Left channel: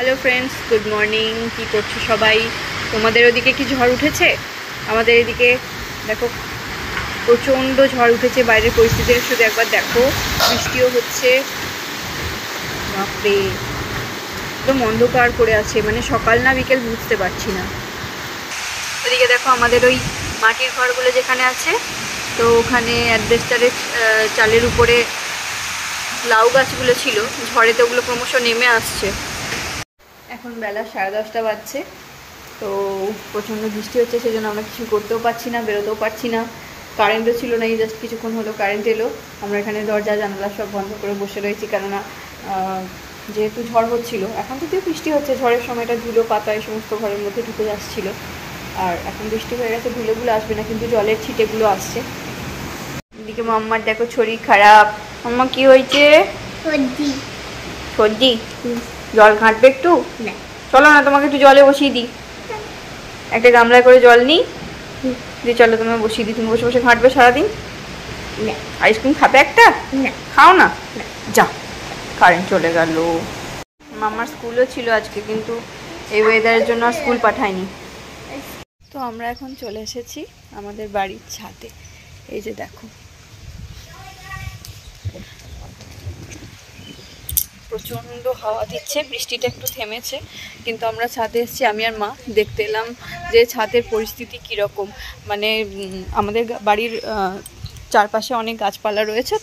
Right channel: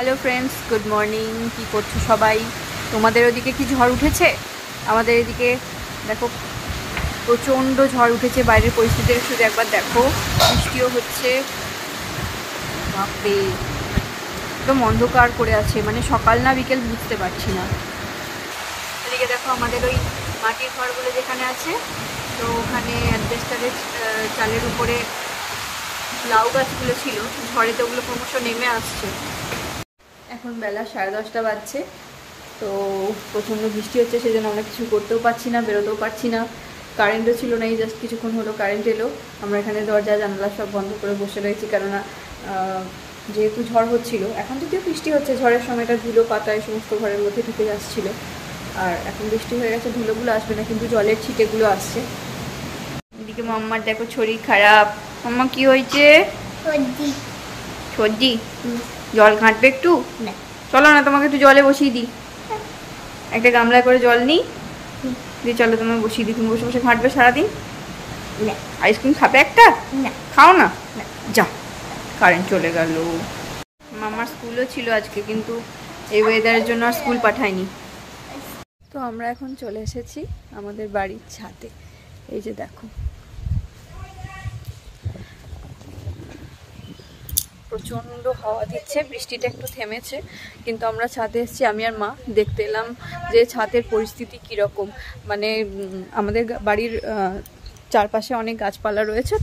Hello friends, good morning. কি করছো সবাই? তোমাদের ওদিকে কি ঝড় উঠেছে? আমাদের এদিকে দেখো প্রচণ্ড ঝড় উঠেছে। বাইরের পরিস্থিতি শুধু একবার দেখো, বৃষ্টিও হচ্ছে। বাপরে, একদম অন্ধকার করে আছে, মানে সকাল না বিকেল বুঝতে পারছি না। ওদিকে দেখো আমাদের ওই মাটির ঘরগুলো যেখানে আছে, তো ওখানে অ্যাডভেস্টারের চালের উপরে লাউ গাছগুলো ছিল, ঝড়েতে ওগুলো ক্রমশ নেমে আসছে। এখন বেলা 10:30 বাজছে, তো প্রচণ্ড বৃষ্টি হচ্ছে, সেই জন্য আমরা কিছু করতেও পারছি না, বেরোতেও পারছি না। কারেন্টও ছিল না, এই জাস্ট কিছুক্ষণ হলো কারেন্ট এলো। আমরা এখানে দরজা জানালা সব বন্ধ করে বসে রয়েছি, কেননা যেহেতু ঝড় হচ্ছিল। এখন যদিও বৃষ্টি হচ্ছে, ঝড়ের সময়টা ধুলো পাতা এই সমস্ত ঘরের মধ্যে ঢুকে যাচ্ছিল। আর এখন বৃষ্টি হয়ে গেছে, ধুলোগুলো আসবে না, কিন্তু জলের ছিটেগুলো আসছে। এদিকে মাম্মার দেখো শরীর খারাপ। মাম্মা কি হয়েছে? সর্দি। জল ঘাঁটবে একটু? চলো না, তোমাকে একটু জলে বসিয়ে দিই। একটা গামলায় করে জল নিই, দিয়ে চলো তোমায় বসিয়ে দিই। তুমি বসে বসে ঘাঁটবে সারাদিন? আইসক্রিম খাবে একটা? খাও না। যা, কারেন্ট চলে গেল। মামার স্কুলও ছিল আজকে, কিন্তু এই ওয়েদারের জন্য আর স্কুল পাঠায়নি। তো আমরা এখন চলে এসেছি আমাদের বাড়ির ছাদে। এই যে দেখো, প্রচণ্ড হাওয়া দিচ্ছে, বৃষ্টিটা একটু থেমেছে, কিন্তু আমরা ছাদে এসেছি আমি আর মা। দেখতে এলাম যে ছাদের পরিস্থিতি কীরকম। মানে আমাদের বাড়ির চারপাশে অনেক গাছপালা রয়েছে,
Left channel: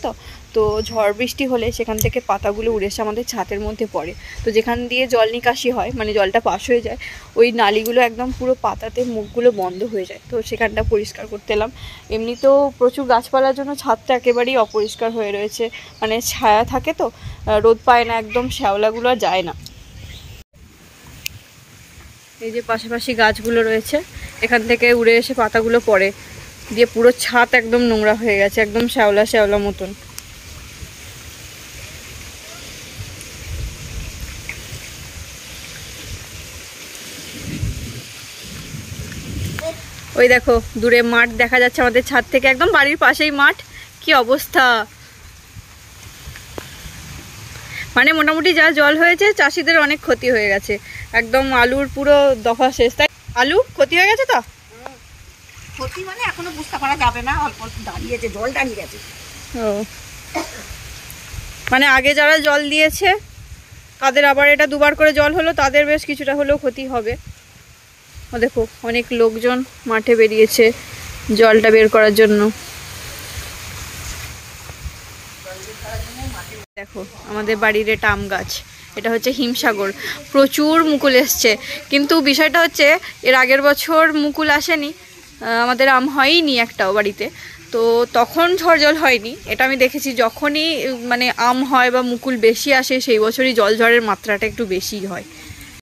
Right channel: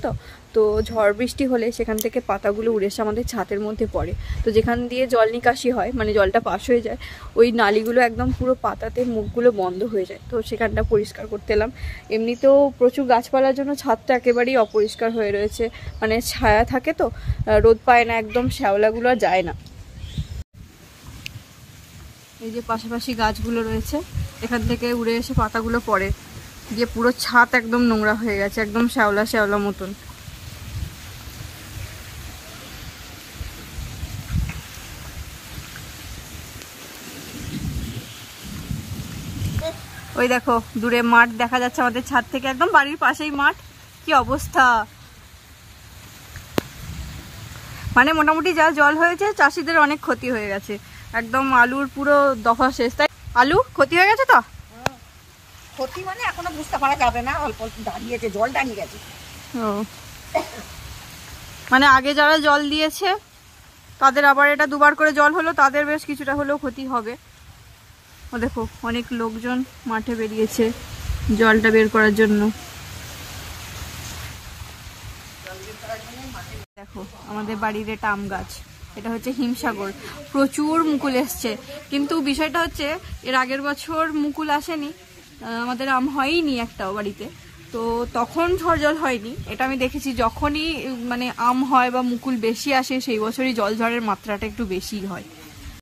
তো ঝড় বৃষ্টি হলে সেখান থেকে পাতাগুলো উড়ে এসে আমাদের ছাদের মধ্যে পড়ে। তো যেখান দিয়ে জল নিকাশি হয়, মানে জলটা পাস হয়ে যায়, ওই নালিগুলো একদম পুরো পাতাতে মুখগুলো বন্ধ হয়ে যায়। তো সেখানটা পরিষ্কার করতে এলাম। এমনিতেও প্রচুর গাছপালার জন্য ছাদটা একেবারেই অপরিষ্কার হয়ে রয়েছে, মানে ছায়া থাকে তো, রোদ পায় না, একদম শ্যাওলাগুলো আর যায় না। এই যে পাশাপাশি গাছগুলো রয়েছে, এখান থেকে উড়ে এসে পাতাগুলো পড়ে, দিয়ে পুরো ছাদ একদম নোংরা হয়ে গেছে, একদম শ্যাওলা শ্যাওলা মতন। ওই দেখো দূরে মাঠ দেখা যাচ্ছে আমাদের ছাদ থেকে, একদম বাড়ির পাশেই মাঠ। কি অবস্থা! মানে মোটামুটি যা জল হয়েছে, চাষিদের অনেক ক্ষতি হয়ে গেছে। একদম আলুর পুরো দফা শেষ। তাই আলু ক্ষতি হয়ে গেছে। তো ক্ষতি মানে এখনো বুঝতে পারা যাবে না, অল্প অল্প দাঁড়িয়েছে, জল দাঁড়িয়ে গেছে। ও, মানে আগে যারা জল দিয়েছে তাদের আবার এটা দুবার করে জল হলো, তাদের বেশ কিছুটা হলেও ক্ষতি হবে। ও দেখো, অনেক লোকজন মাঠে বেরিয়েছে জলটা বের করার জন্য। দেখো আমাদের বাড়ির এটা আম গাছ, এটা হচ্ছে হিমসাগর। প্রচুর মুকুল এসছে, কিন্তু বিষয়টা হচ্ছে এর আগের বছর মুকুল আসেনি, আমাদের আম হয়নি একটাও বাড়িতে। তো তখন ঝড় জল হয়নি, এটা আমি দেখেছি। যখনই মানে আম হয় বা মুকুল বেশি আসে, সেই বছরই জল ঝড়ের মাত্রাটা একটু বেশি হয়।